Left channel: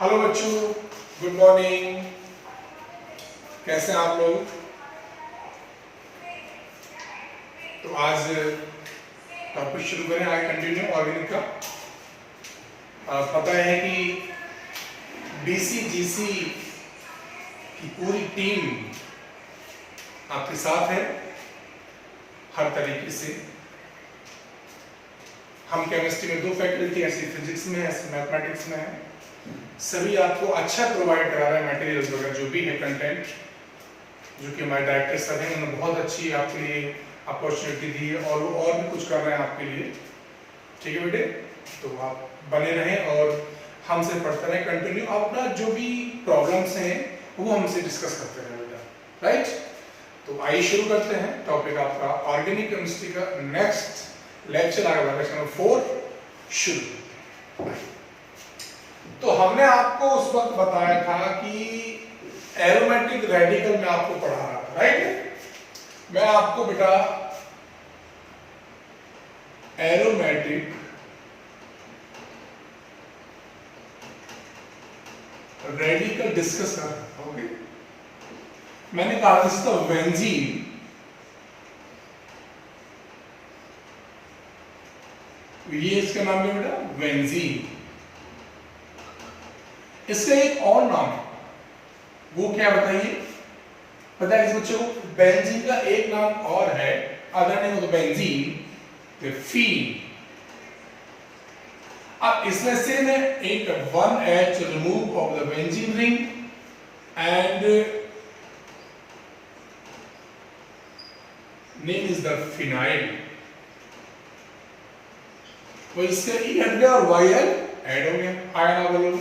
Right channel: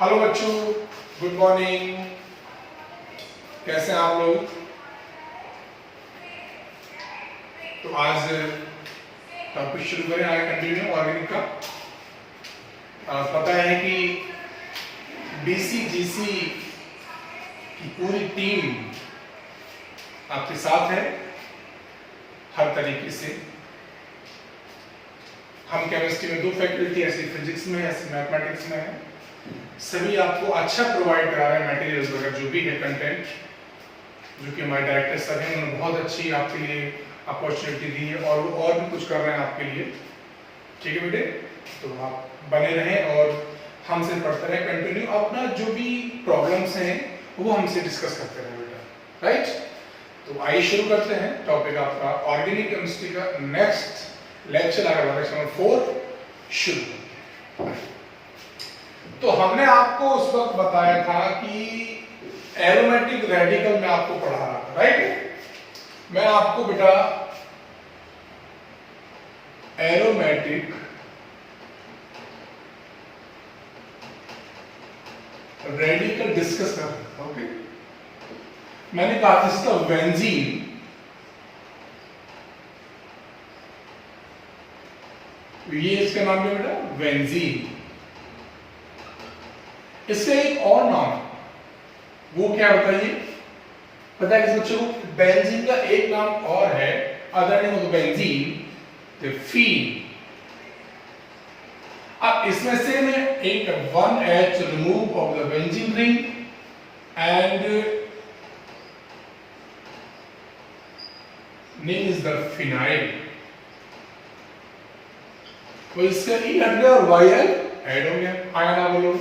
Hello बच्चों, good morning. कैसे हैं आप लोग? तो आज टॉपिक शुरू करें, आगे कंटिन्यू ऑर्गेनिक का। पता है कि BCGC की पूरी टीम आपके साथ है हर तरीके से। हम केमिस्ट्री में 2 फैकल्टी ऐसी फिजिक्स में ऐसी मैथमेटिक्स में है। सभी आपको अच्छा प्रोवाइड करा रहे हैं मटेरियल्स वगैरह जो भी है कंटेंट, जो कि हमारे डायरेक्टर सर हैं, उन्होंने बहुत अच्छी आपके लिए अपॉर्चुनिटी दी है और वो और भी कुछ कर रहे हैं आपके लिए। ठीक है बेटे, तो आप बने रहें और हमसे पढ़ते रहें कंटिन्यू। अपना जो भी प्रॉब्लम्स हैं वो हमसे डिस्कस करते रहें बेटा, राइट। तो आइए शुरू करते हैं टॉपिक आपका ऑर्गेनिक केमिस्ट्री का नेक्स्ट लेक्चर आ रहा है, लेक्चर नंबर 4 शुरू। तो हमने आपको उस वक्त बताया था कि एरोमेटिक रेडिकल में आपको पढ़ा रहा था, राइट। मैं आपको बेटा एरोमेटिक रेडिकल डिस्कस कर रहा था, ओके। मैंने कहा था इसका बेंजीन ये इसका नाम है बेटा बेंजीन। इसका एक और नाम है, वो क्या बताइए? पता है किस बच्चों को? बेंजीन का एक नाम और है, other name of the benzene the phene. अब इसमें से मैं एक 1H remove of the benzene ring and name is the phenyl. तो इसका E हट गया और YL ऐड हो गया। आया ना बोलो?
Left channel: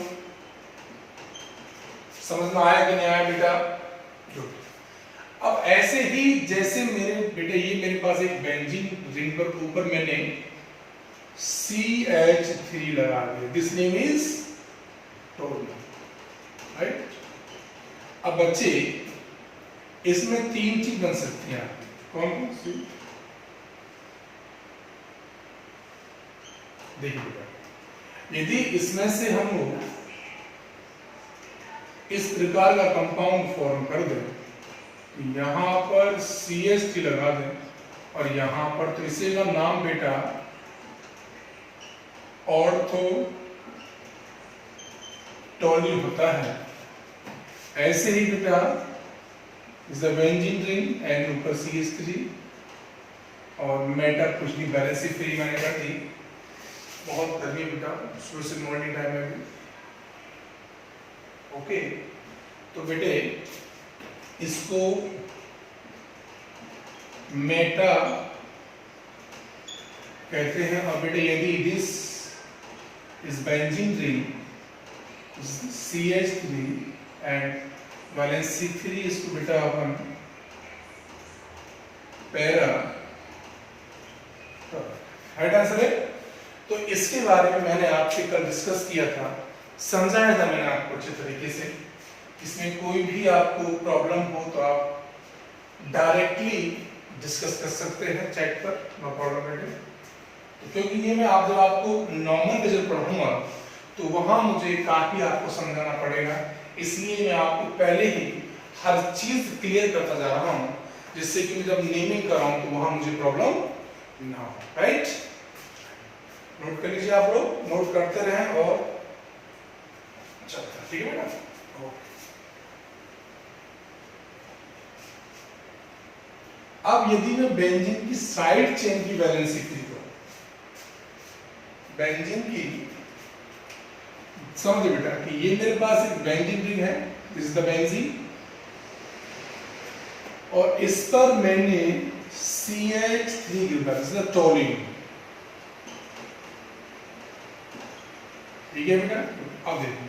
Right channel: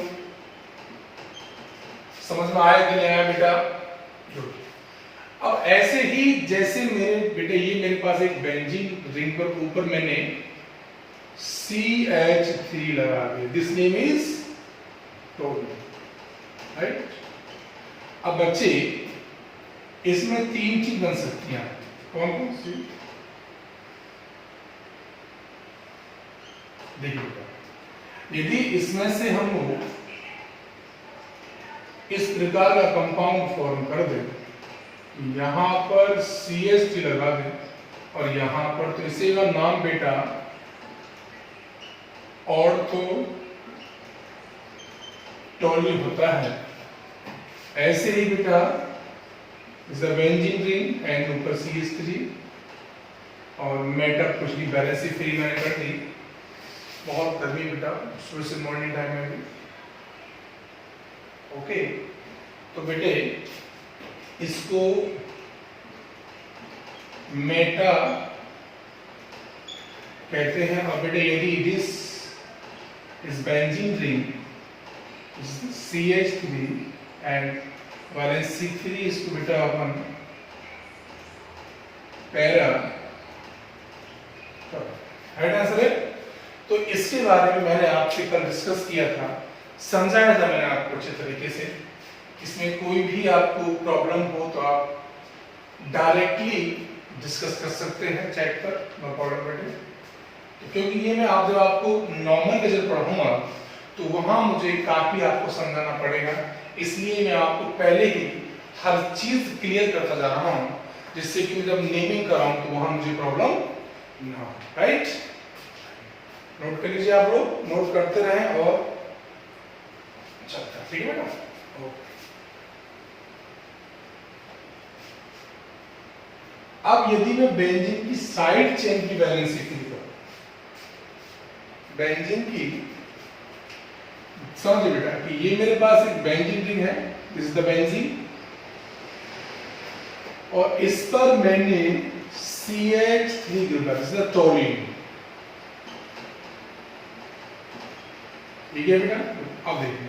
समझ में आया कि नहीं आया बेटा? अब ऐसे ही जैसे मेरे बेटे ये मेरे पास एक बेंजीन रिंग पर ऊपर मैंने CH3 लगा दिया, this name is toluene, right. अब बच्चे इसमें 3 चीज बन सकती हैं, कौन कौन सी? देखिए बेटा, यदि इसमें से हम लोग इस प्रकार का कंपाउंड फॉर्म कर दें, यहां पर CH3 लगा दें और यहां पर, तो इसे का नाम बेटा ऑर्थो टोल्यूइन होता है। ऐसे ही बेटा is the benzene ring and ऊपर CH3 और मेटअप कुछ नहीं, बैलेंस फ्री मैंने कर दी। बहुत गर्मी बेटा सुबह से मॉर्निंग टाइम में भी, ओके। तो बेटे इसको मेटा कहते हैं। और बेटे यदि दिस इस benzene ring CH3 and valency 3, इसको बेटा अपन पैरा, राइट आंसर है। तो इसके बारे में मैंने आपसे कल डिस्कस किया था, समझाया था मैंने आपको अच्छे तरीके से। इसमें कोई भी आपको प्रॉब्लम हो तो आप डायरेक्टली डिस्कस कर सकते हैं चैट पर, नो प्रॉब्लम बेटे। क्योंकि ये मैं आप जब आपको नॉर्मल पे जब पढ़ाऊंगा तो वहां मुझे काफी आपको समझाना पड़ेगा, इसलिए मैं आपको पहले ही हर चीज क्लियर करता जा रहा हूं, जिससे कि जब नेमिंग कर रहा हूं तो वहां मुझे प्रॉब्लम ना हो, राइट। नोट कर लीजिए, आप लोग नोट करते रहें और चलता, ठीक है ना? ओके। अब यदि मैं बेंजीन की साइड चेन की वैलेंसी फिल करूं, बेंजीन की, समझिए बेटा कि ये मेरे पास एक बेंजीन रिंग है, दिस इज द बेंजीन, और इस पर मैंने CH3 group this is the toluene, ठीक है बेटा। अब देखिए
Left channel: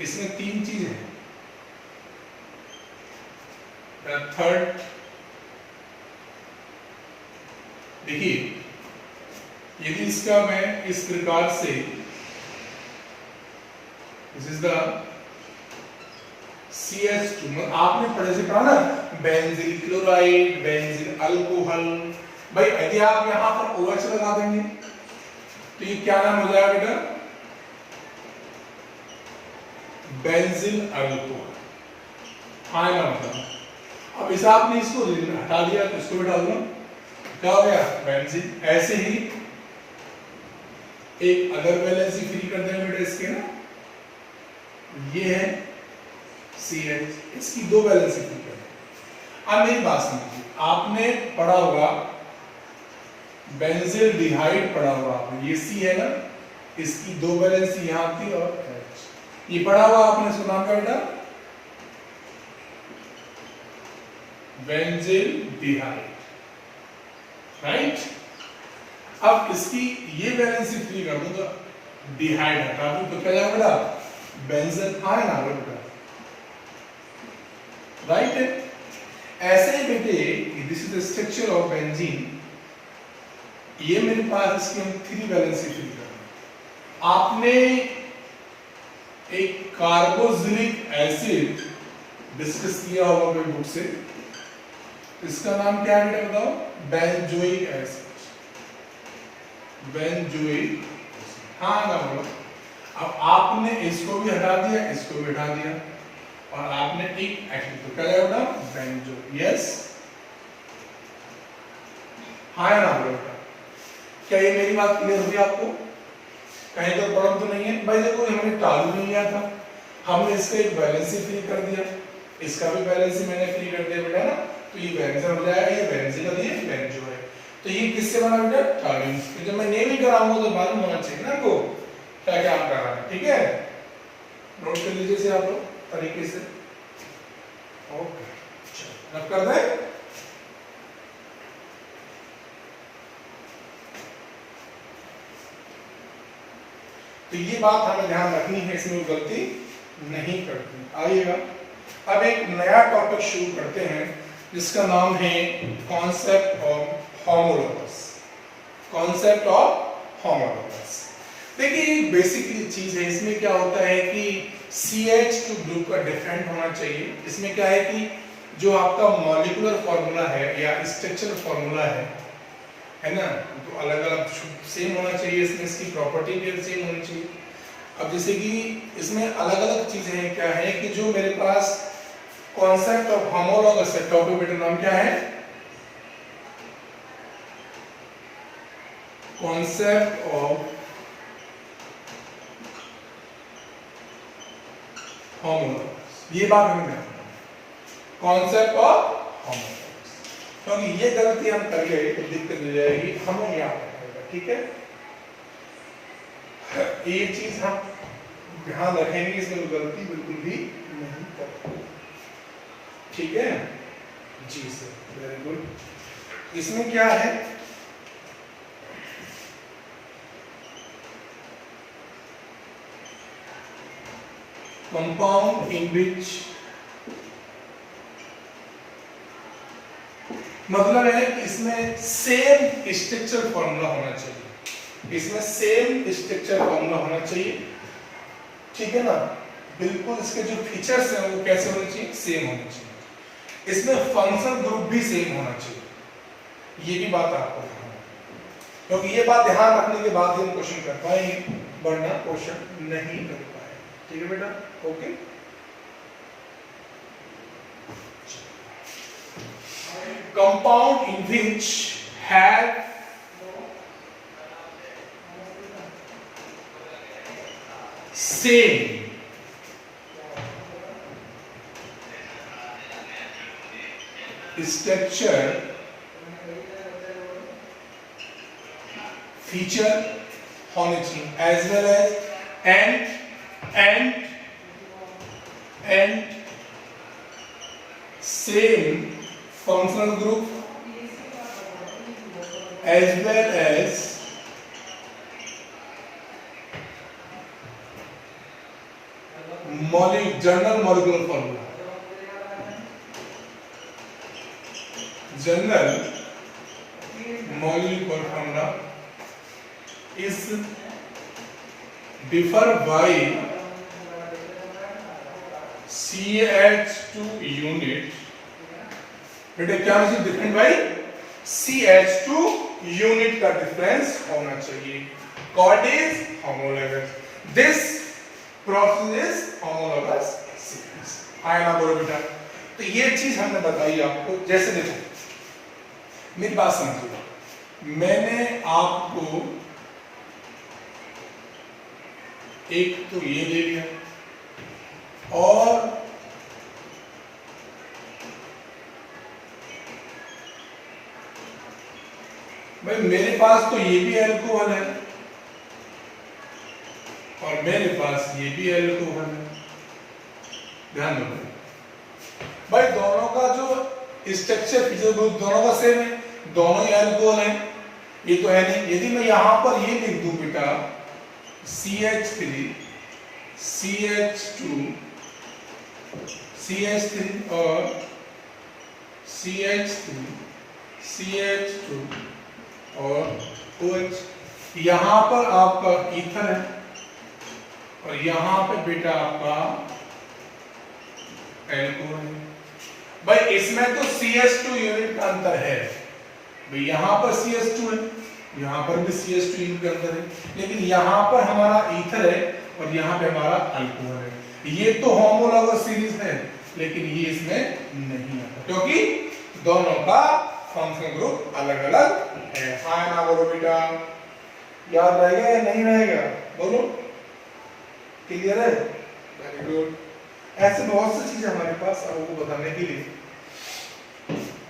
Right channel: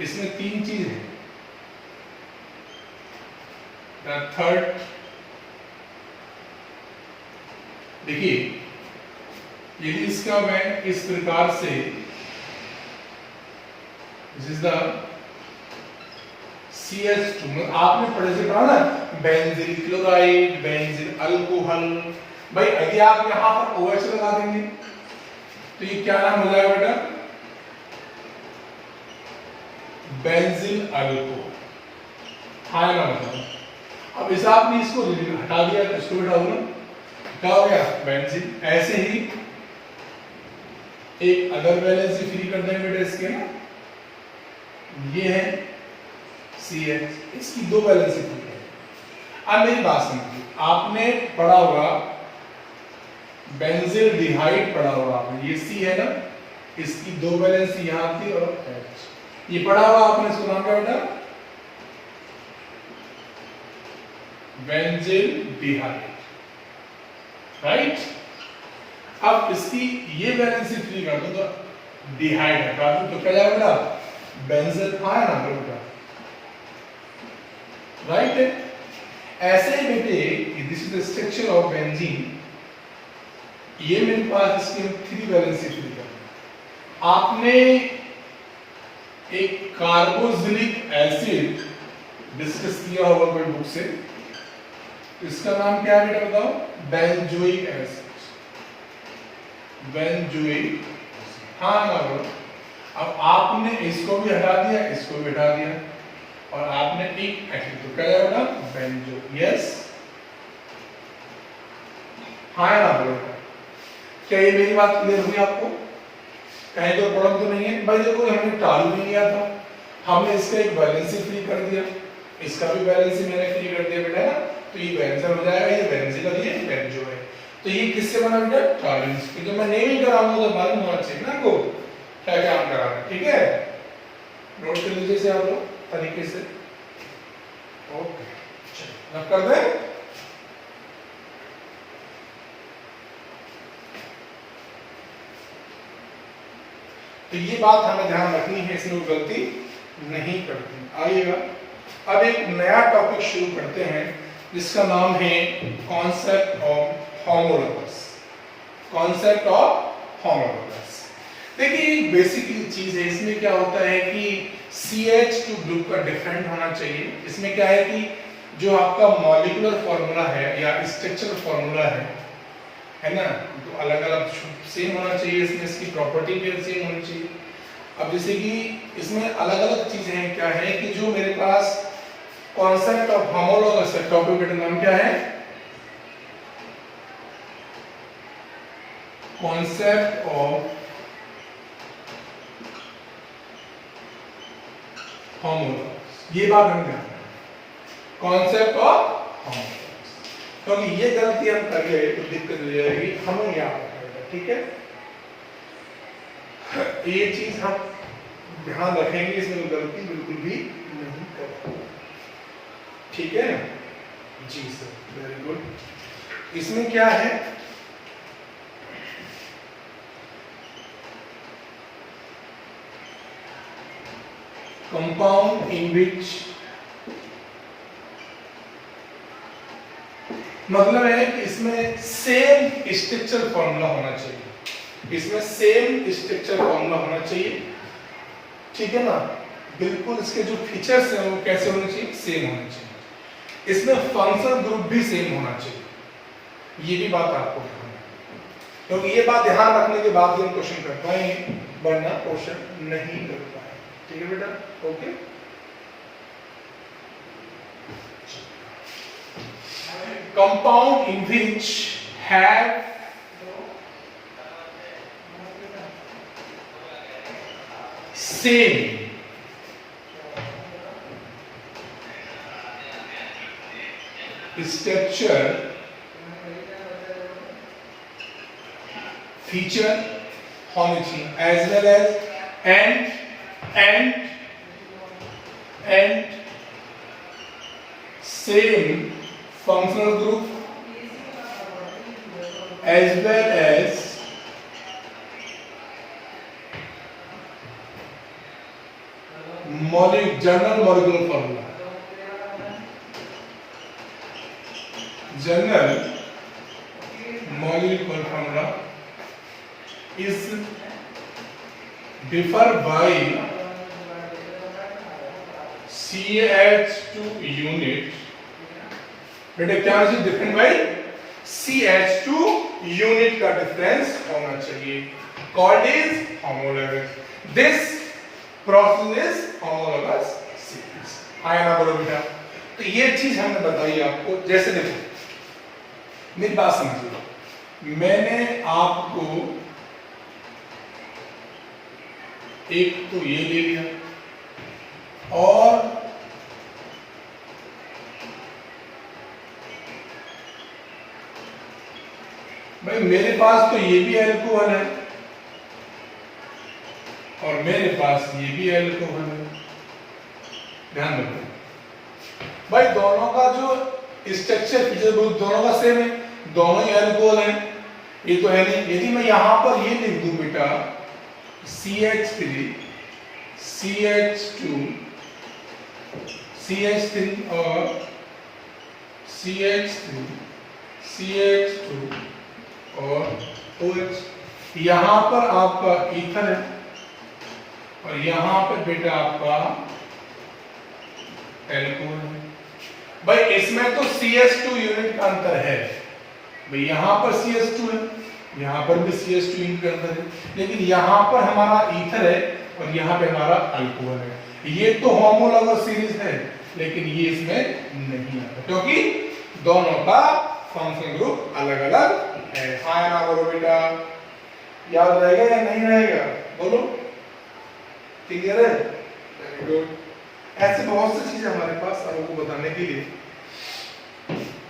इसमें 3 चीज है। थर्ड देखिए, यदि इसका मैं इस प्रकार से, दिस इज द CH2, आपने पढ़े से पढ़ा ना, बेंजील क्लोराइड, बेंजील अल्कोहल। भाई यदि आप यहां पर OH लगा देंगे तो ये क्या नाम हो जाएगा बेटा? Benzene alcohol. हाँ ना मतलब अब इस आपने इसको हटा दिया तो इसको हटा दूंगा, क्या हो गया बेंजीन। ऐसे ही एक अदर वैलेंसी फ्री कर देंगे बेटा इसके ना, ये है CH, इसकी दो वैलेंसी फ्री कर देंगे। अब मेरी बात समझिए, आपने पढ़ा होगा बेंजील डिहाइड पढ़ा होगा आपने, ये C है ना, इसकी दो वैलेंसी यहाँ थी और H, ये पढ़ा हुआ आपने, इसको नाम क्या बेटा बेंजील डिहाइड, राइट। अब इसकी ये वैलेंसी फ्री कर दो तो डिहाइड हटा दो तो क्या जाएगा बेटा बेंजीन आया ना बेटा, राइट। ऐसे ही बेटे this is the structure of benzene, ये मेरे पास इसकी हम 3 वैलेंसी फ्री कर दें। आपने एक कार्बोक्सिलिक एसिड डिस्कस किया होगा कोई बुक से, इसका नाम क्या है बेटा बताओ, बेंजोइक एसिड, बेंजोइक, हाँ ना बोलो। अब आपने इसको भी हटा दिया, इसको भी हटा दिया और आपने एक एसिड तो क्या बेटा बेंजो, यस, हाँ ना बोलो। क्या ये मेरी बात क्लियर हुई आपको, कहीं तो प्रॉब्लम तो नहीं है भाई। देखो हमने टालू नहीं लिया था, हमने इसका एक वैलेंसी फ्री कर दिया, इसका भी वैलेंसी मैंने फ्री कर दिया बेटा ना, तो ये बेंजीन हो जाएगा, ये बेंजीन और ये बेंजो है। तो ये किससे बना बेटा टालून से। जब मैं नेमिंग कराऊंगा तो मालूम होना चाहिए ना आपको क्या क्या हम करा रहे हैं, ठीक है। नोट कर लीजिए इसे आप लोग तरीके से, ओके चलो अब कर दें। तो ये बात हमें ध्यान रखनी है, इसमें गलती नहीं करनी। आइएगा अब एक नया टॉपिक शुरू करते हैं जिसका नाम है concept of homologous, concept of homologous. देखिए बेसिकली चीज है, इसमें क्या होता है कि CH2 ग्रुप का डिफरेंट होना चाहिए। इसमें क्या है कि जो आपका मॉलिक्यूलर फॉर्मूला है या स्ट्रक्चरल फॉर्मूला है ना, तो अलग अलग सेम होना चाहिए, इसमें इसकी प्रॉपर्टी भी सेम होनी चाहिए। अब जैसे कि इसमें अलग अलग चीजें हैं, क्या है कि जो मेरे पास कॉन्सेप्ट ऑफ होमोलॉगस है, टॉपिक बेटा नाम क्या है, कॉन्सेप्ट ऑफ होमोलॉगस। ये बात हमें ध्यान रखना, कॉन्सेप्ट ऑफ होमोलॉगस, क्योंकि ये गलती हम कर गए तो दिक्कत हो जाएगी, हमें याद रखना, ठीक है। ये चीज हम ध्यान रखेंगे, इसमें गलती बिल्कुल भी नहीं करेंगे, ठीक है जी सर, वेरी गुड। इसमें क्या है, कंपाउंड इन विच, मतलब है कि इसमें सेम स्ट्रक्चर फॉर्मूला होना चाहिए, इसमें सेम स्ट्रक्चर फॉर्मूला होना चाहिए, ठीक है ना। बिल्कुल इसके जो फीचर्स हैं वो कैसे होने चाहिए, सेम होने चाहिए। इसमें फंक्शन ग्रुप भी सेम होना चाहिए, ये भी बात आपको ध्यान रखनी, क्योंकि ये बात ध्यान रखने के बाद हम क्वेश्चन कर पाएंगे, वरना क्वेश्चन नहीं कर पाए, ठीक है बेटा, okay. Compound in which have same structure, feature होनी चाहिए, as well as and same functional group as well as general molecular formula, general molecular formula is differ by CH2 unit, बेटे क्या होना चाहिए, डिफरेंट बाई CH2 यूनिट का difference होना चाहिए, called is homologous. This process is homologous series. आया ना बोलो बेटा। तो ये चीज हमने बताई आपको। जैसे देखो मेरी बात समझिए, मैंने आपको एक तो ये ले लिया और भाई मेरे पास तो ये भी अल्कोहल है और मेरे पास ये भी अल्कोहल है। ध्यान रखो भाई, दोनों का जो स्ट्रक्चर फीचर दोनों का सेम है, दोनों ही अल्कोहल है, ये तो है नहीं। यदि मैं यहां पर ये लिख दूं बेटा CH3 CH2 CH3 और CH3 CH2 और OH, यहां पर आपका ईथर है और यहां पे बेटा आपका एल्कोहल है। भाई इसमें तो CH2 यूनिट का अंतर है, भाई यहां पर CH2 है, यहां पर भी CH2 यूनिट का अंतर है, लेकिन यहां पर हमारा ईथर है और यहां पे हमारा अल्कोहल है। ये तो होमोलॉगस सीरीज है, लेकिन ये इसमें नहीं आता क्योंकि दोनों का फंक्शनल ग्रुप अलग अलग है। हाँ ना बोलो बेटा, याद रहेगा या नहीं रहेगा बोलो, क्लियर है? Very good. ऐसे बहुत सी चीजें हमारे पास आपको बताने के लिए,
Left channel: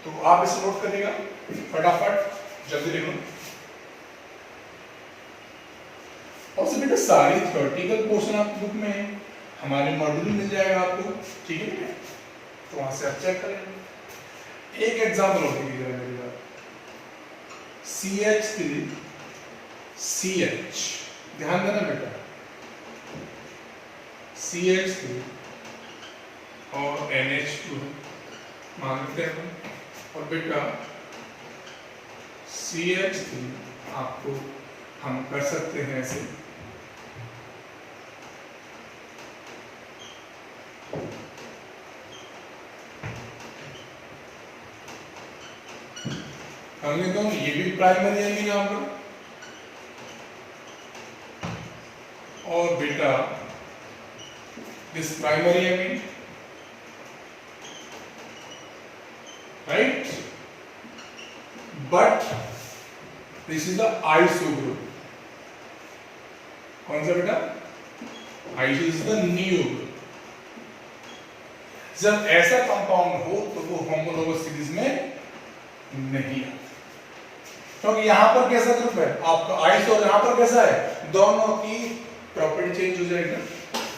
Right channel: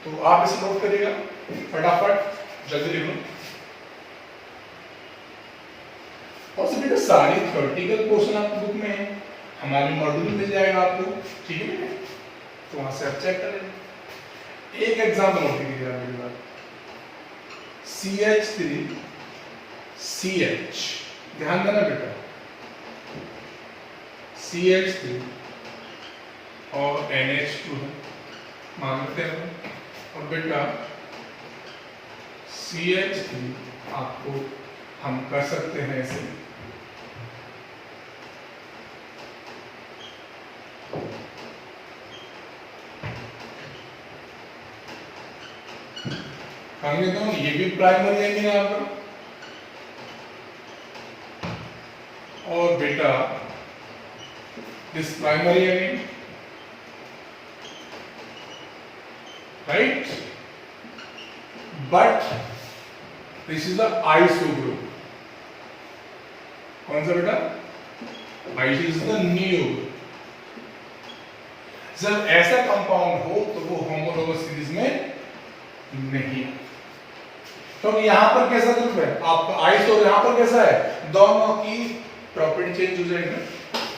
तो आप इसे नोट करिएगा फटाफट, जल्दी लिख लो। और सब बेटा सारी थ्योरेटिकल पोर्शन आपकी बुक में है, हमारे मॉड्यूल में मिल जाएगा आपको, ठीक है बेटा? तो वहां से आप चेक करें। एक एग्जांपल नोट कीजिएगा मेरी बात, CH3 CH, ध्यान देना बेटा, CH3 और NH2 मानते हैं, और बेटा CH3 आपको हम कर सकते हैं ऐसे, कहेंगे तो ये भी प्राइमरी एमीन है आपका, और बेटा this primary amine, right, but this is the iso group। कौन सा बेटा? iso is the neo group। जब ऐसा कंपाउंड हो तो वो होमोलॉगस सीरीज में नहीं है, क्योंकि यहां पर कैसा ग्रुप है आपका आइसो, यहां पर कैसा है, दोनों की प्रॉपर्टी चेंज हो जाएगी।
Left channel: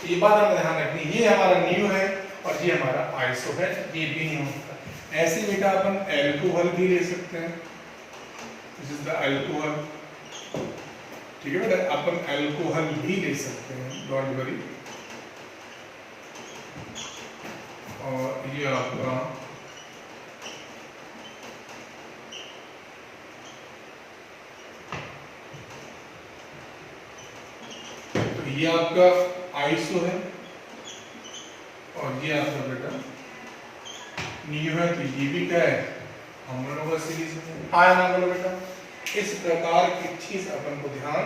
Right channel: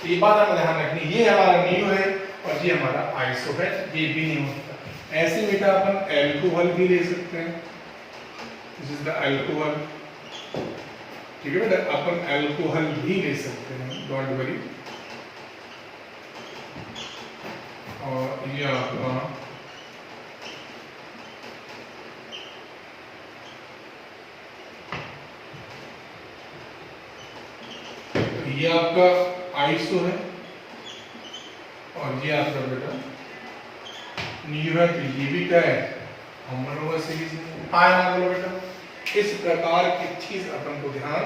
ये बात हमें ध्यान रखनी, ये हमारा नियो है और ये हमारा आइसो है, ये भी नहीं होता। ऐसे बेटा अपन अल्कोहल भी ले सकते हैं, दिस इज द अल्कोहल, ठीक है बेटा, अपन अल्कोहल भी ले सकते हैं, डोंट वरी। और ये आपका ये आपका आइसो है और ये आपका बेटा नियो है, तो ये भी क्या है, होमोलॉगस सीरीज है। आया ना बोलो बेटा। इस प्रकार की चीज अपन को ध्यान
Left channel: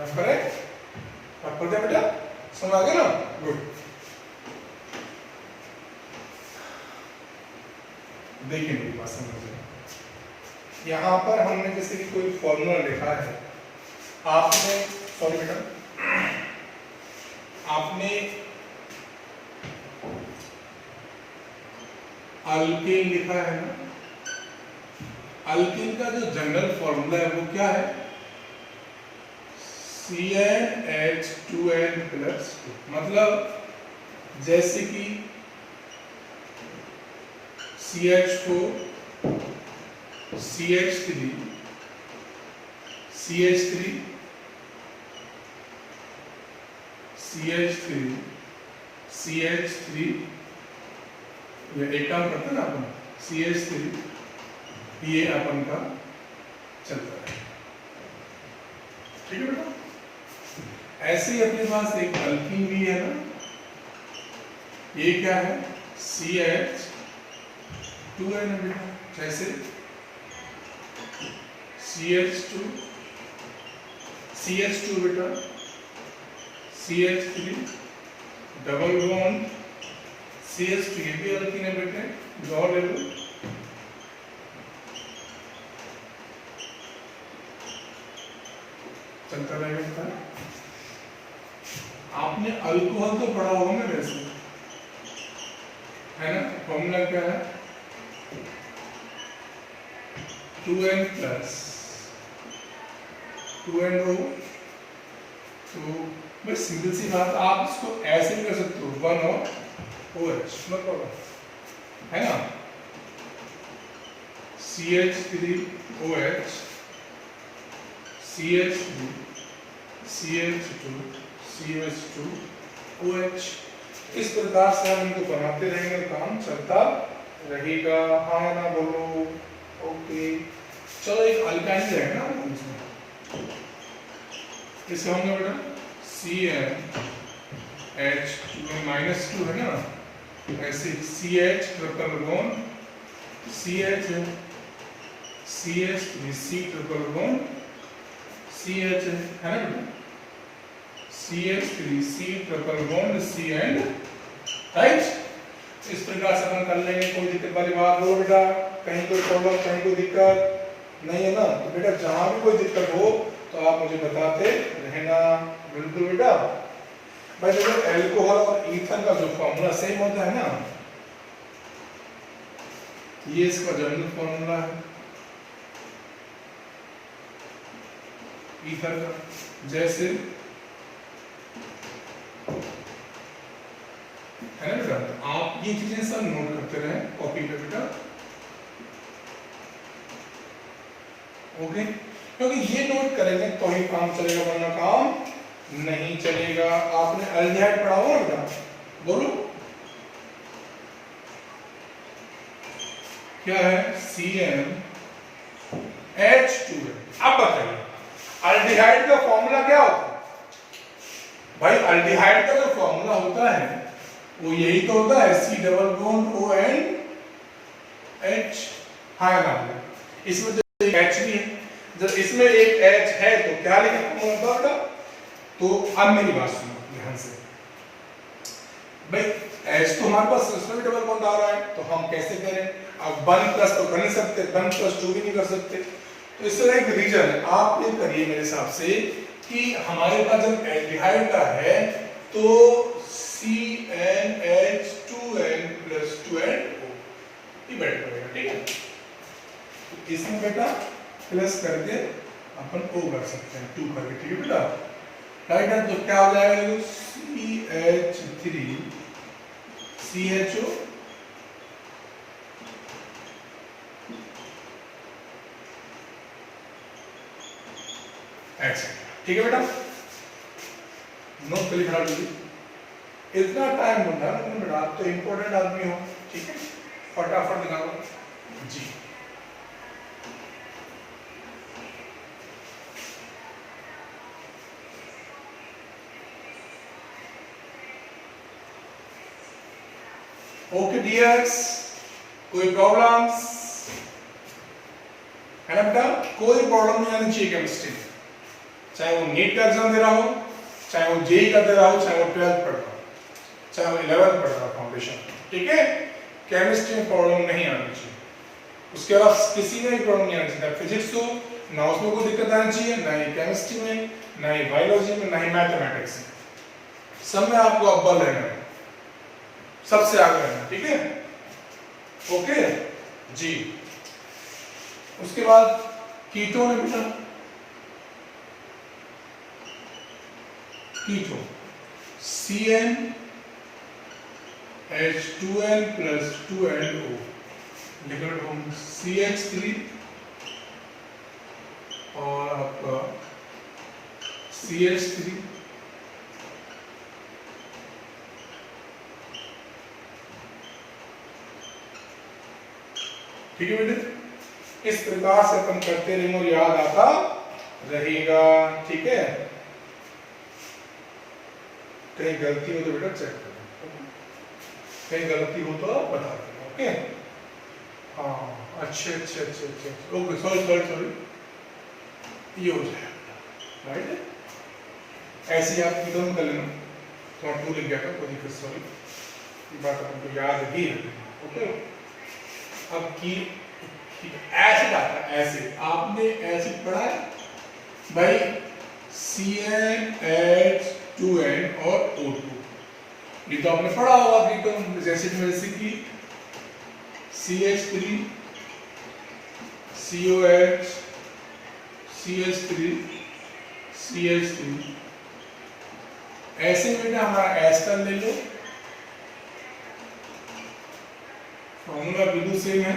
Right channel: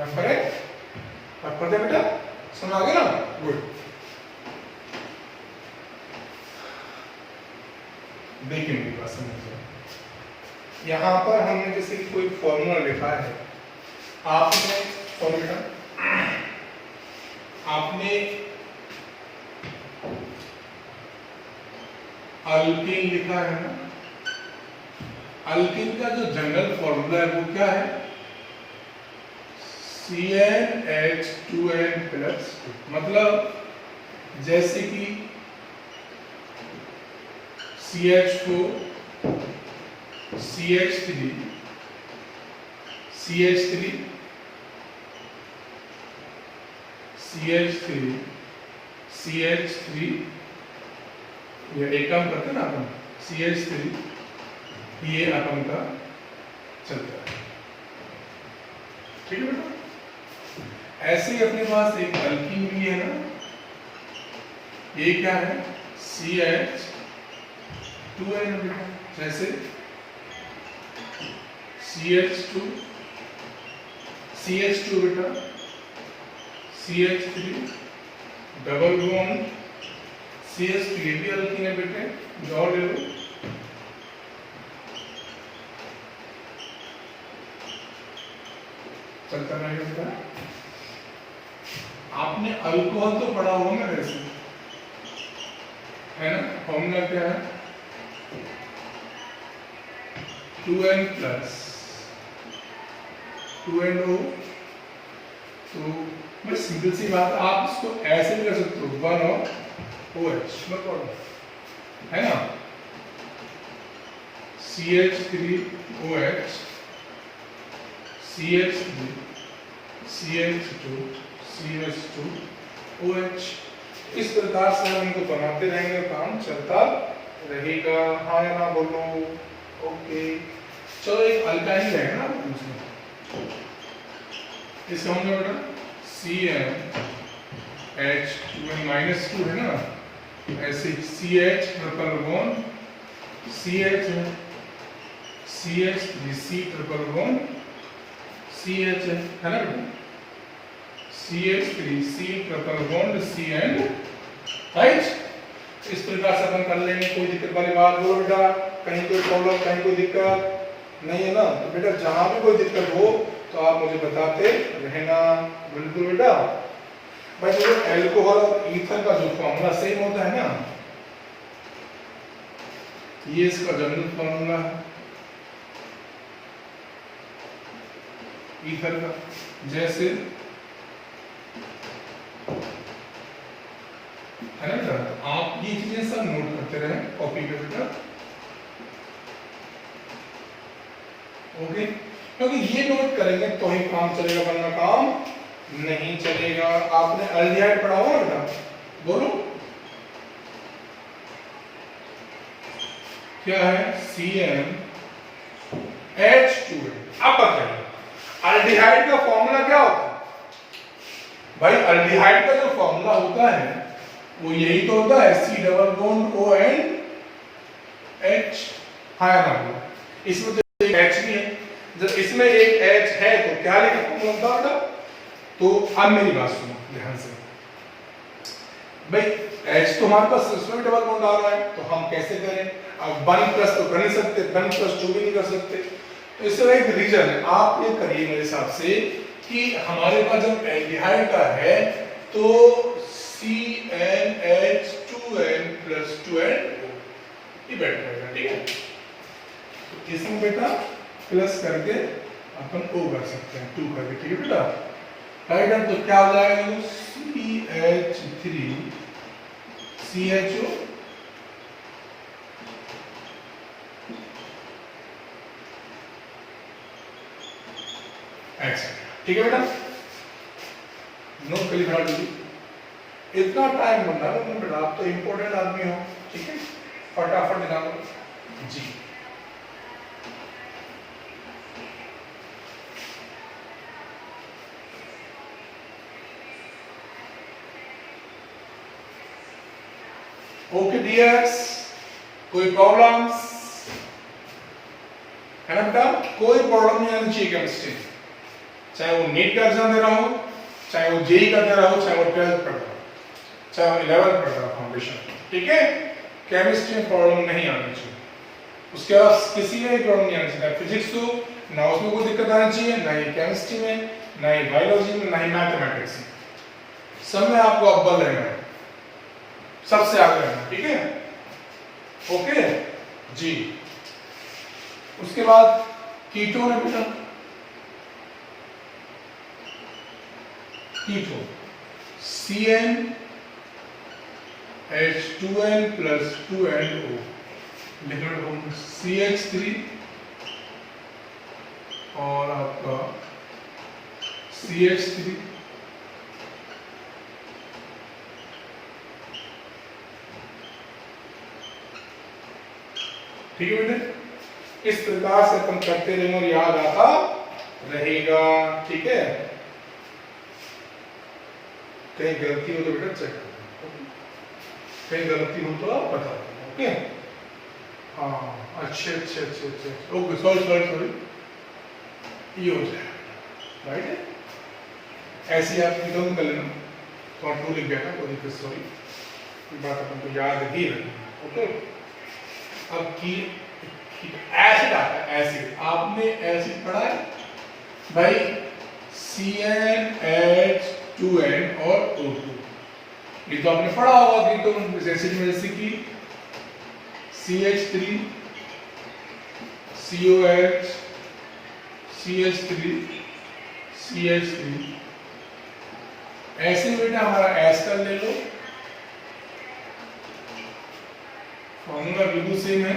रखना है बेटा, समझ आ गया ना? गुड। देखिए मेरी बात समझिए, यहाँ पर हमने जैसे कि कोई फॉर्मूला लिखा है, आपने फॉर्मूला आपने अल्कीन लिखा है ना, अल्कीन का जो जनरल फॉर्मूला है वो क्या है, CnH2n+2। मतलब जैसे कि CH4 CH3 CH3 CH3 CH3, ये एक काम करते हैं ना अपन, CH3 ये अपन का चलता है, ठीक है बेटा? ऐसे ही अपने पास एक अल्कीन भी है ना, ये क्या है, CH2n बेटा, जैसे CH2 बेटा CH3 डबल बॉन्ड CH2, ये भी अल्कीन है बेटे, दो ले लो। चलता रहेगा। आपने अल्कोहल तो पढ़ा होगा ना वैसे, है ना? फॉर्मूला क्या है? 2n plus 2NO। तो भाई सिंपल सी बात, आप इसको ऐसे भी कर सकते हो, 1OH है ना, CH3OH CH3 CH2 CH2OH। इस प्रकार से हम इनको बनाते रहेंगे, काम चलता रहेगा। हाँ या ना बोलो? ओके, चलो एक अल्काइन रहेगा ना इसमें, इसका हम बेटा CnH2n-2 है ना, ऐसे CH ट्रिपल बॉन्ड CH है, CH3 C triple bond CH है ना बेटा, CH3 C triple bond C and right. इस प्रकार से अपन कर लेंगे, कोई दिक्कत वाली बात बोलो बेटा? कहीं कोई प्रॉब्लम, कहीं कोई दिक्कत नहीं है ना? तो बेटा जहां भी कोई दिक्कत हो तो आप मुझे बताते रहना। बिल्कुल बेटा। भाई जो अल्कोहल और ईथर का जो फॉर्मूला सेम होता है ना, ये इसका जनरल फॉर्मूला है ईथर का। जैसे है ना बेटा, तो आप ये चीजें सब नोट करते रहे कॉपी पे बेटा, ओके? क्योंकि ये नोट करेंगे तो ही काम चलेगा, वरना काम नहीं चलेगा। आपने अल्डिहाइड पढ़ा हुआ बेटा? बोलो क्या है? CnH2। अब बताइए अल्डिहाइड का फॉर्मूला क्या होता है? भाई अल्डिहाइड का जो फॉर्मूला होता है वो यही तो होता है, C डबल बॉन्ड ONH। हाँ ना, इसमें जो एक H भी है, जब इसमें एक H है तो क्या लिखा होगा? तो अब मेरी बात सुनो ध्यान से। भाई H तो हमारे पास इसमें भी डबल बॉन्ड आ रहा है, तो हम कैसे करें? अब 1 प्लस तो कर नहीं सकते, 1 प्लस 2 भी नहीं कर सकते। तो इसका एक रीजन है, आप ये करिए मेरे हिसाब से कि हमारे पास जब एल्डिहाइड का है तो CnH2n प्लस 2NO ये बैठ जाएगा, ठीक है? तो इसमें बेटा प्लस करके अपन O कर सकते हैं, 2 करके, ठीक है बेटा? राइट है, तो क्या हो जाएगा? CH3 CHO एक्सेट्रा, ठीक है बेटा? नोट कर लिखा लीजिए, इतना टाइम बनना है बेटा, आप तो इंपॉर्टेंट आदमी हो, ठीक है? फटाफट निकालो जी। ओके डियर्स, कोई प्रॉब्लम्स है ना बेटा? कोई प्रॉब्लम नहीं आनी चाहिए केमिस्ट्री, चाहे वो नीट का एग्जाम दे रहा हो, चाहे वो जेई का दे रहा हो, चाहे वो 12th पढ़ रहा हो, चाहे वो 11th पढ़ रहा हो फाउंडेशन, ठीक है? केमिस्ट्री में प्रॉब्लम नहीं आनी चाहिए, उसके अलावा किसी में भी प्रॉब्लम नहीं आनी चाहिए। फिजिक्स हो ना, उसमें कोई दिक्कत आनी चाहिए, ना ही केमिस्ट्री में, ना ही बायोलॉजी में, ना ही मैथमेटिक्स में, सब में आपको अव्वल रहना है, सबसे आगे रहना, ठीक है? ओके जी। उसके बाद कीटोन है बेटा, ketone CnH2n plus 2NO liquid form CH3 और आपका CH3 ठीक है बेटे? इस प्रकार से अपन करते रहेंगे और याद आता रहेगा, ठीक है? कहीं गलती हो तो बेटा चेक करो, कहीं गलती हो तो आप बता देना, ओके? हाँ अच्छे, ओके, सॉरी ये हो जाए, राइट है? ऐसे आप एकदम कर लेना, तो 2 लिख गया था, कोई दिक्कत, सॉरी, ये बात अपन को याद ही रखना। ओके, अब की एसिड आता है, एसिड आपने एसिड पढ़ा है भाई, CnH2n और O2, ये तो आपने पढ़ा होगा कीटोन एसिड में, जैसे कि CH3 COH CH3 CH3, ऐसे बेटा हमारा एस का ले लो, फॉर्मूला बिल्कुल सेम है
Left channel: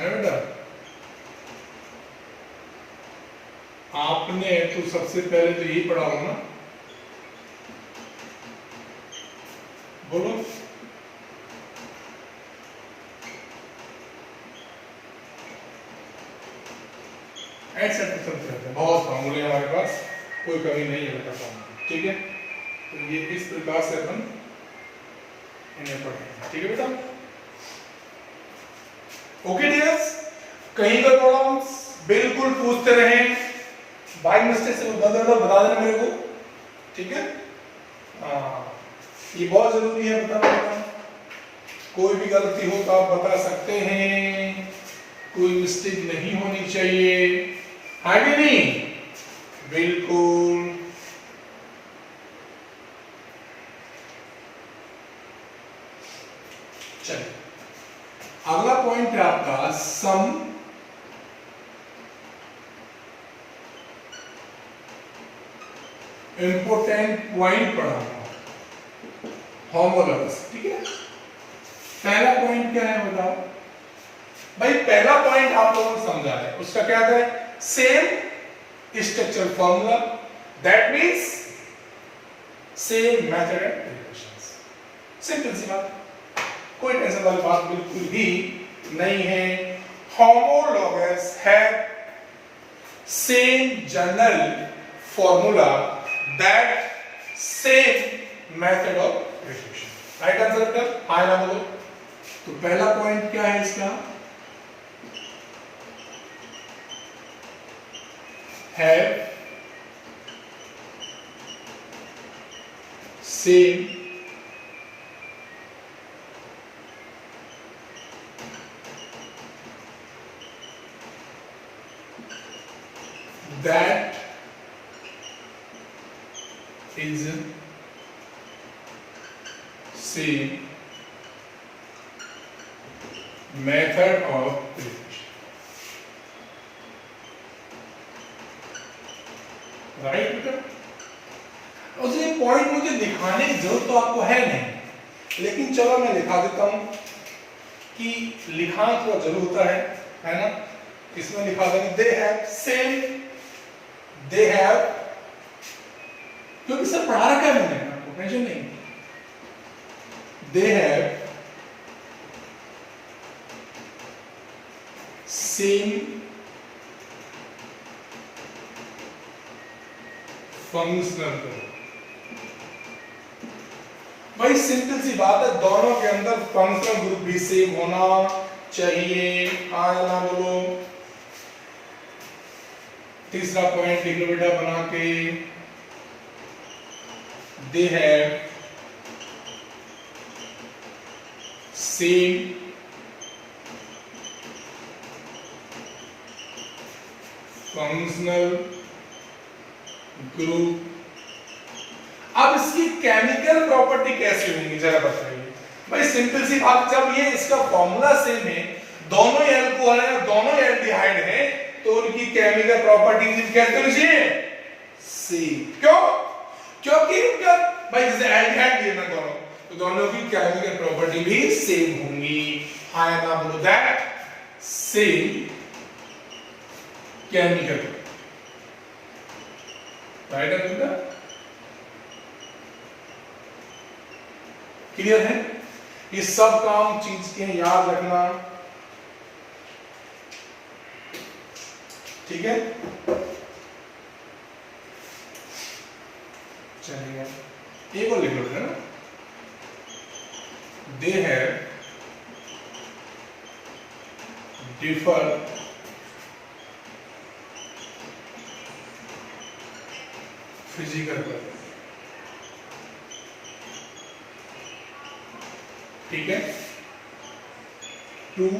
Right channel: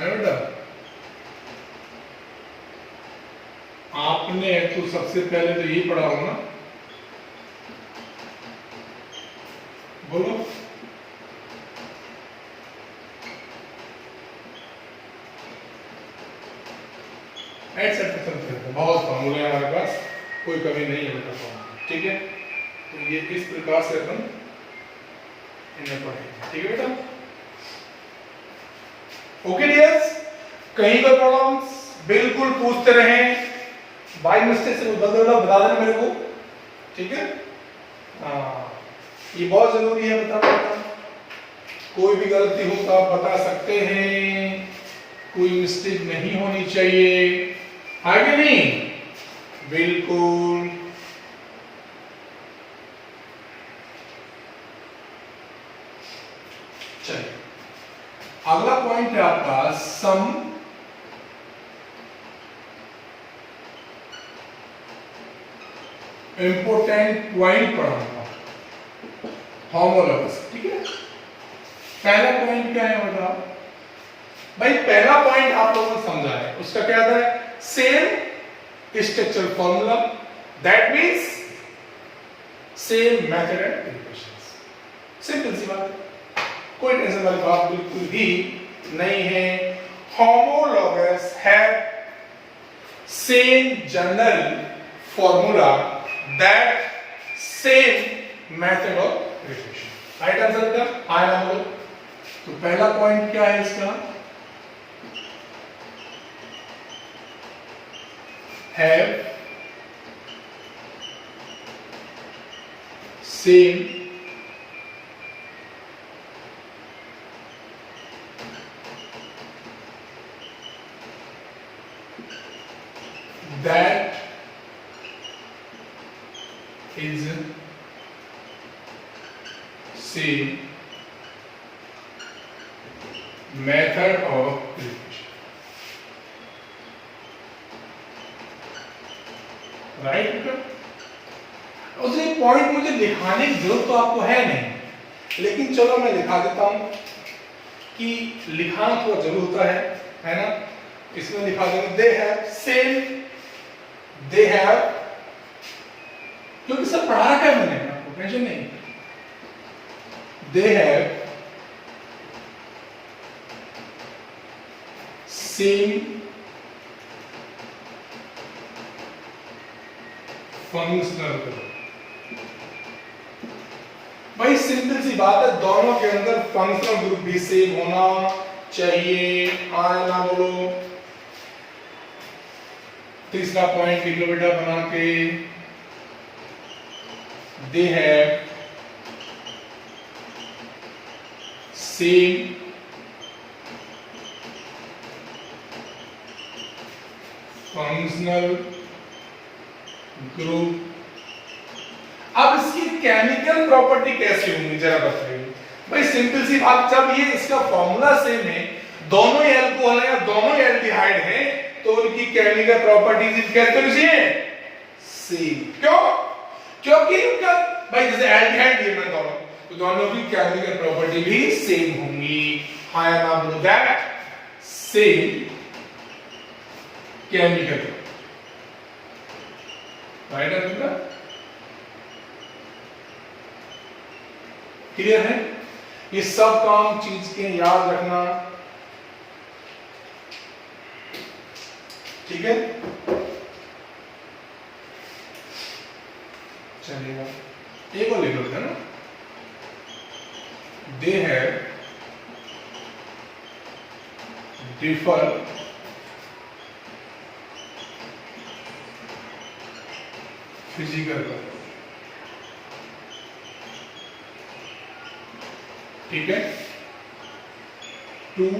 बेटा। आपने तो सबसे पहले तो यही पढ़ा होगा ना, बोलो, एटसेट्रा, बहुत फॉर्मूले हमारे पास, कोई कमी नहीं है बेटा फॉर्मूला, ठीक है। तो ये इस प्रकार से अपन इन्हें पढ़ेंगे, ठीक है बेटा। ओके डियर्स, कहीं पर प्रॉब्लम्स बिल्कुल पूछते रहें, बाय मिस्टेक से बता देना मेरे को, ठीक है। ये बहुत जरूरी है बताना, कोई भी गलती हो तो आप बता सकते हैं, कोई मिस्टेक नहीं होनी चाहिए, है कि नहीं, बिल्कुल। चलिए अगला पॉइंट है आपका सम इंपोर्टेंट पॉइंट पढ़ाऊंगा, होमोलॉगस, ठीक है। पहला पॉइंट क्या है बताओ भाई, पहला पॉइंट आप लोगों ने समझा है, उसका क्या है, same structural formula, that means same method and equations, simple सी बात, कोई टेंशन वाली बात बिल्कुल ही नहीं है। होमोलॉगस है same general formula, that same method of relation, right answer क्या, हां ना बोलो। तो पहला पॉइंट क्या है इसका, have same that is same method of representation, right. उसने पॉइंट मुझे दिखाने की जरूरत तो आपको है नहीं, लेकिन चलो मैं लिखा देता हूं कि लिखाना तो जरूर होता है ना। इसमें लिखा दूंगा they have same, they have, क्योंकि सब पढ़ा रखा है मैंने, आपको टेंशन नहीं, they have same functional group. भाई सिंपल सी बात है, दोनों के अंदर फंक्शनल ग्रुप भी सेम होना चाहिए, आए ना बोलो। तीसरा पॉइंट लिख लो बेटा बना के, they have same functional group. अब इसकी केमिकल प्रॉपर्टी कैसे होंगी जरा बताइए। भाई सिंपल सी बात, जब ये इसका फॉर्मूला सेम है, दोनों एल्कोहल है, दोनों एल्डिहाइड है, तो उनकी केमिकल प्रॉपर्टीज कैसे होनी सेम। क्यों? क्योंकि उनका भाई जैसे एल्डिहाइड ये मैं दोनों, तो दोनों की केमिकल प्रॉपर्टी भी सेम होंगी। I am now that same chemical, right answer. Clear है? ये सब काम चीज के याद रखना, ठीक है। चलिए एक और लिख लो है ना, they have differ physical work, ठीक है। 2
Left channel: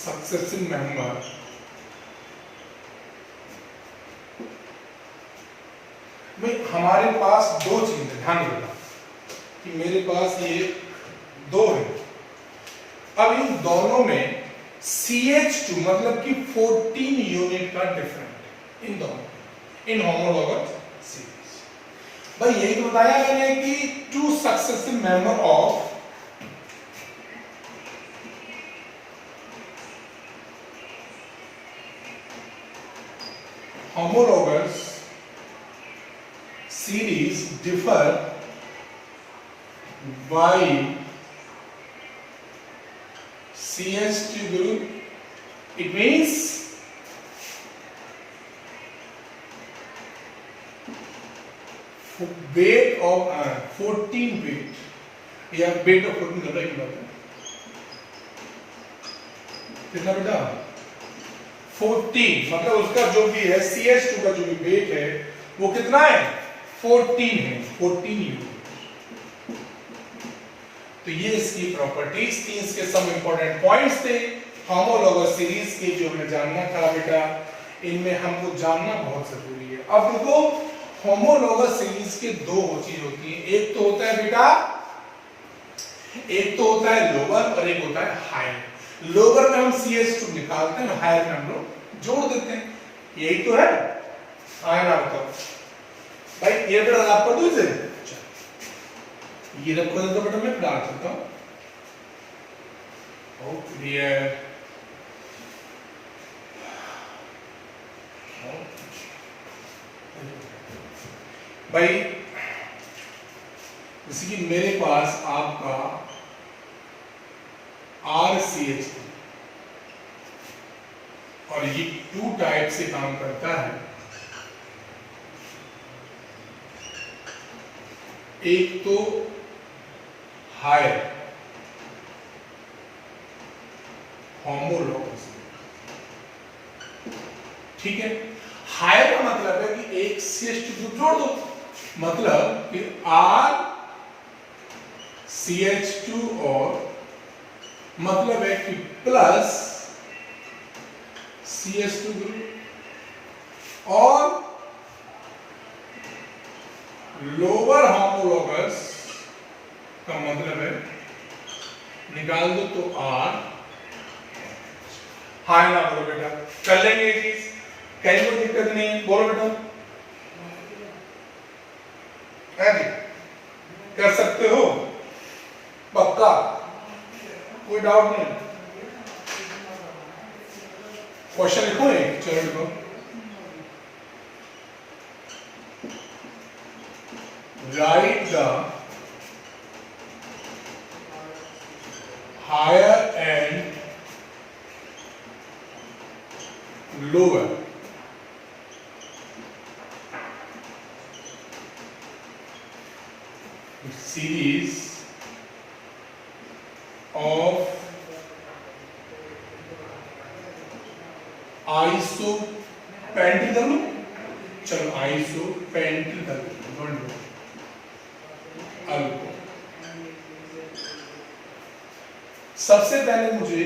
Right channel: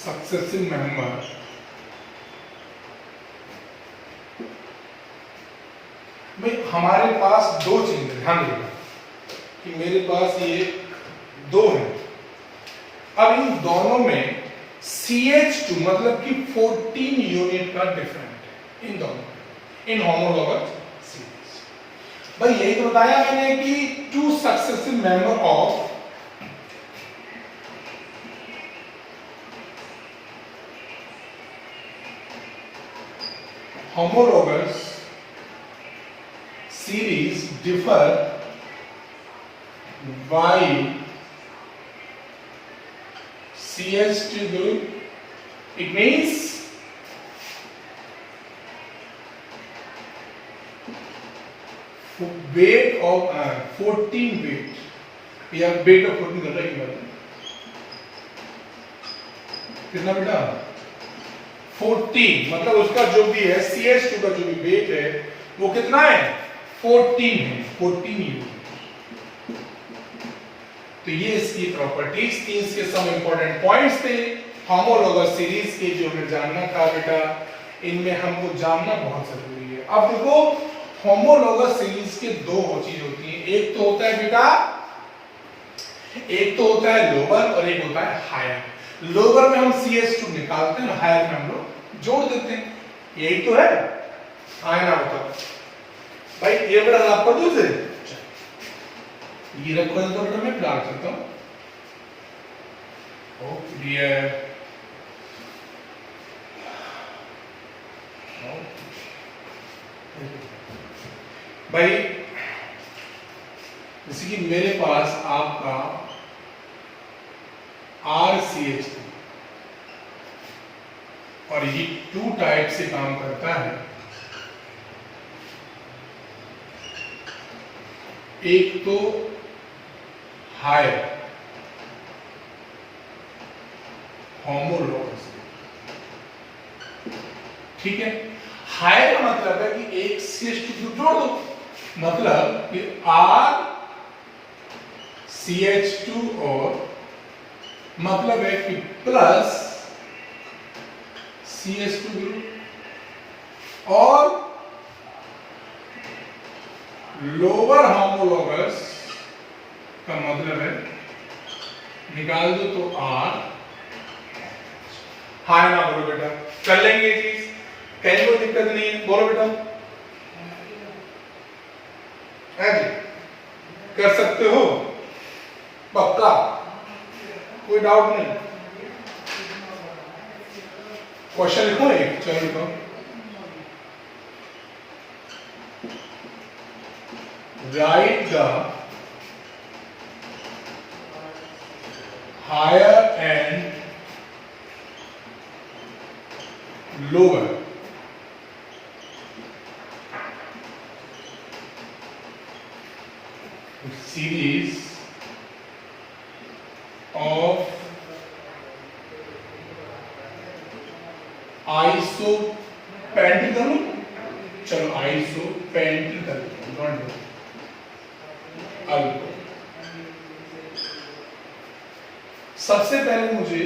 सक्सेसिव मेंबर में हमारे पास दो चीजें, ध्यान रखना कि मेरे पास ये दो है। अब इन दोनों में CH2 मतलब कि 14 यूनिट का डिफरेंट है इन दोनों, इन होमोलॉगस सीरीज। भाई यही तो बताया मैंने कि 2 successive member of homologous series differ by CH2 group. It means weight of 14 weight, या weight of 14 कर रहा है कितना बेटा 14, मतलब उसका जो भी है CH2 का जो भी वेट है वो कितना है 14 है, 14 यूनिट। तो ये इसकी प्रॉपर्टीज थी, इसके सम इंपॉर्टेंट पॉइंट्स थे होमोलॉगस सीरीज के जो हमें जानना था बेटा, इनमें हमको जानना बहुत जरूरी है। अब देखो होमोलॉगस सीरीज के दो चीज होती है, एक तो होता है बेटा, एक तो होता है लोअर और एक होता है हायर। लोअर में हम CH2 निकालते हैं, हायर में हम लोग जोड़ देते हैं, यही तो है। आए ना बताओ भाई, ये बेटा आपका दूसरे ये रखो तो बेटा मैं डाल सकता हूं। ओ क्लियर, भाई जैसे कि मेरे पास आपका RCH2 और ये 2 टाइप से काम करता है। एक तो हायर होमोलॉगस, ठीक है। हायर का मतलब है कि एक CH2 जोड़ दो, मतलब कि RCH2 और मतलब है कि प्लस CH2 ग्रुप और लोअर होमोलॉगस का मतलब है निकाल दो तो R। हाय ना बोलो बेटा, कर लेंगे ये चीज, कहीं कोई दिक्कत नहीं है, बोलो बेटा है जी, कर सकते हो पक्का, कोई डाउट नहीं। क्वेश्चन लिखो एक, चलो लिखो। Write the higher and lower series of isopentyl, चलो isopentyl सबसे पहले मुझे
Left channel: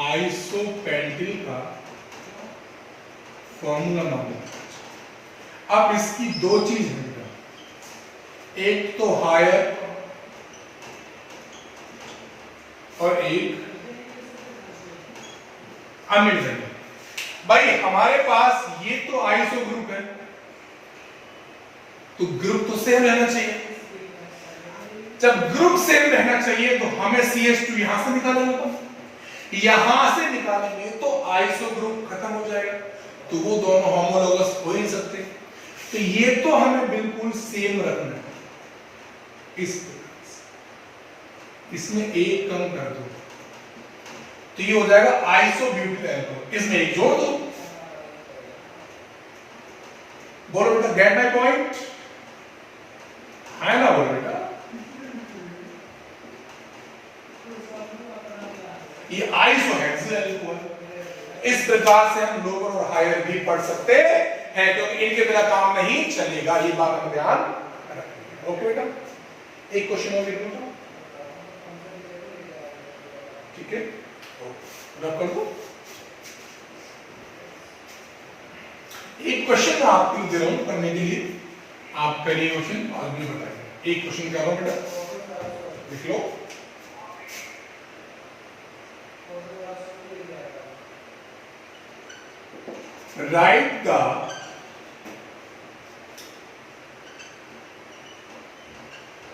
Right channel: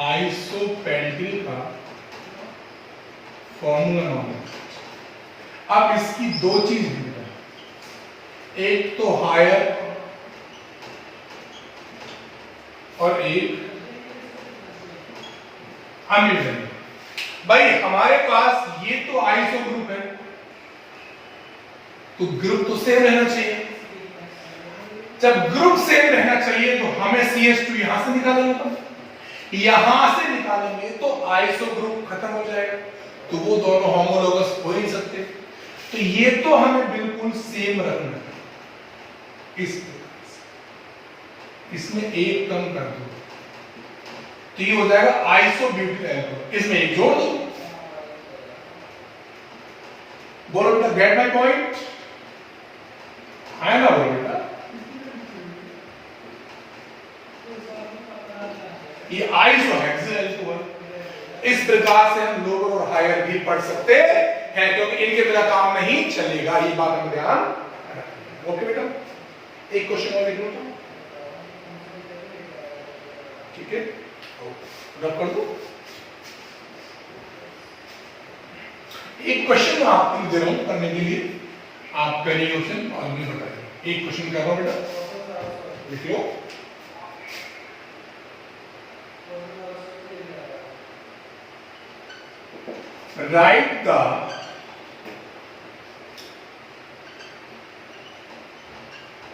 आइसोपेंटिल का फॉर्मूला मालूम। अब इसकी दो चीज है, एक तो हायर और एक अनमिड। भाई हमारे पास ये तो आइसो ग्रुप है, तो ग्रुप तो सेम रहना चाहिए। जब ग्रुप सेम रहना चाहिए तो हमें CH2 यहां से निकालेंगे, यहां से निकालेंगे तो आइसो ग्रुप खत्म हो जाएगा, तो वो दोनों होमोलॉगस हो नहीं सकते। तो ये तो हमें बिल्कुल सेम रखना है, इस प्रकार से इसमें एक कम कर दो तो ये हो जाएगा आइसोब्यूटिल अल्कोहल, इसमें एक जोड़ दो। बोलो बेटा, गेट माय पॉइंट, है ना? बोलो बेटा, ये आइसोहेक्सिल अल्कोहल। इस प्रकार से हम लोअर और हायर भी पढ़ सकते हैं, क्योंकि इनके बिना काम नहीं चलेगा, ये बात हम ध्यान रखेंगे। ओके बेटा, एक क्वेश्चन और लिख लो तो, ठीक है, रख कर दो। एक क्वेश्चन मैं आपको दे रहा हूं करने के लिए, आप पहले क्वेश्चन और भी बताइए। एक क्वेश्चन कर रहा हूं बेटा, लिख लो। Write the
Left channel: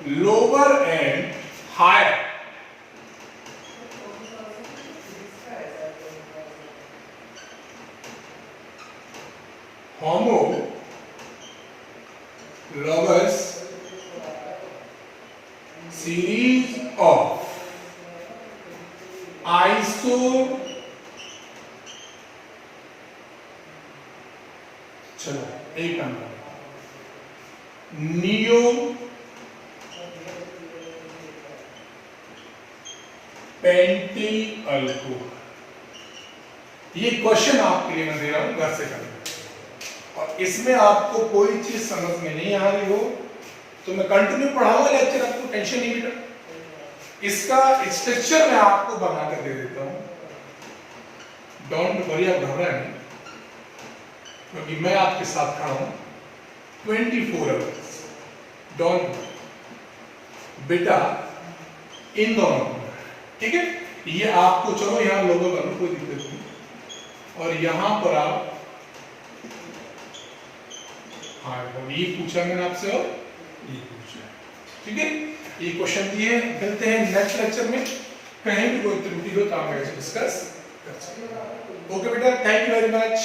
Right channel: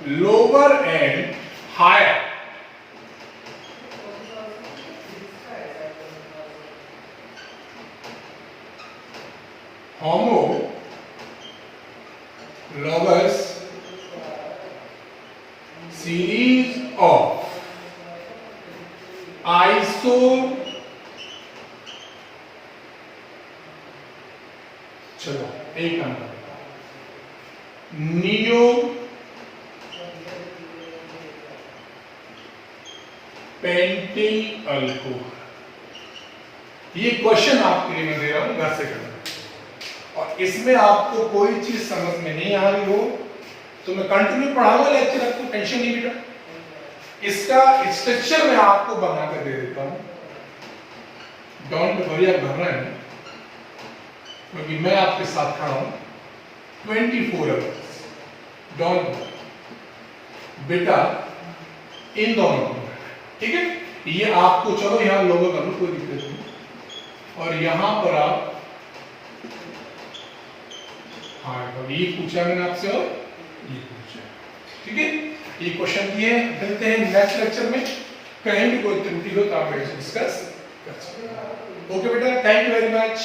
lower and higher homologous series of चलो एक नंबर नियो पेंटी अल्कोहल। ये क्वेश्चन आपके लिए मैं दे रहा हूं, घर से करना, और इसमें आपको कोई चीज समझ में नहीं आ रही हो तो मैं कंटिन्यू पढ़ाऊंगा लेक्चर, आपको टेंशन नहीं बेटा। इसका स्ट्रक्चर मैं आपको बना कर दे देता हूं, डोंट वरी, आप घबराएं नहीं, क्योंकि मैं आपके साथ खड़ा हूं 24 आवर्स। डोंट बेटा, इन दोनों, ठीक है, ये आपको, चलो यहां लोगों का कोई दिक्कत नहीं, और यहां पर आप, हाँ ये पूछा मैंने आपसे और ये पूछा, ठीक है, ये क्वेश्चन दिए। मिलते हैं नेक्स्ट लेक्चर में, कहीं भी कोई त्रुटि हो तो आप डिस्कस कर सकते हैं। ओके बेटा, थैंक यू वेरी मच।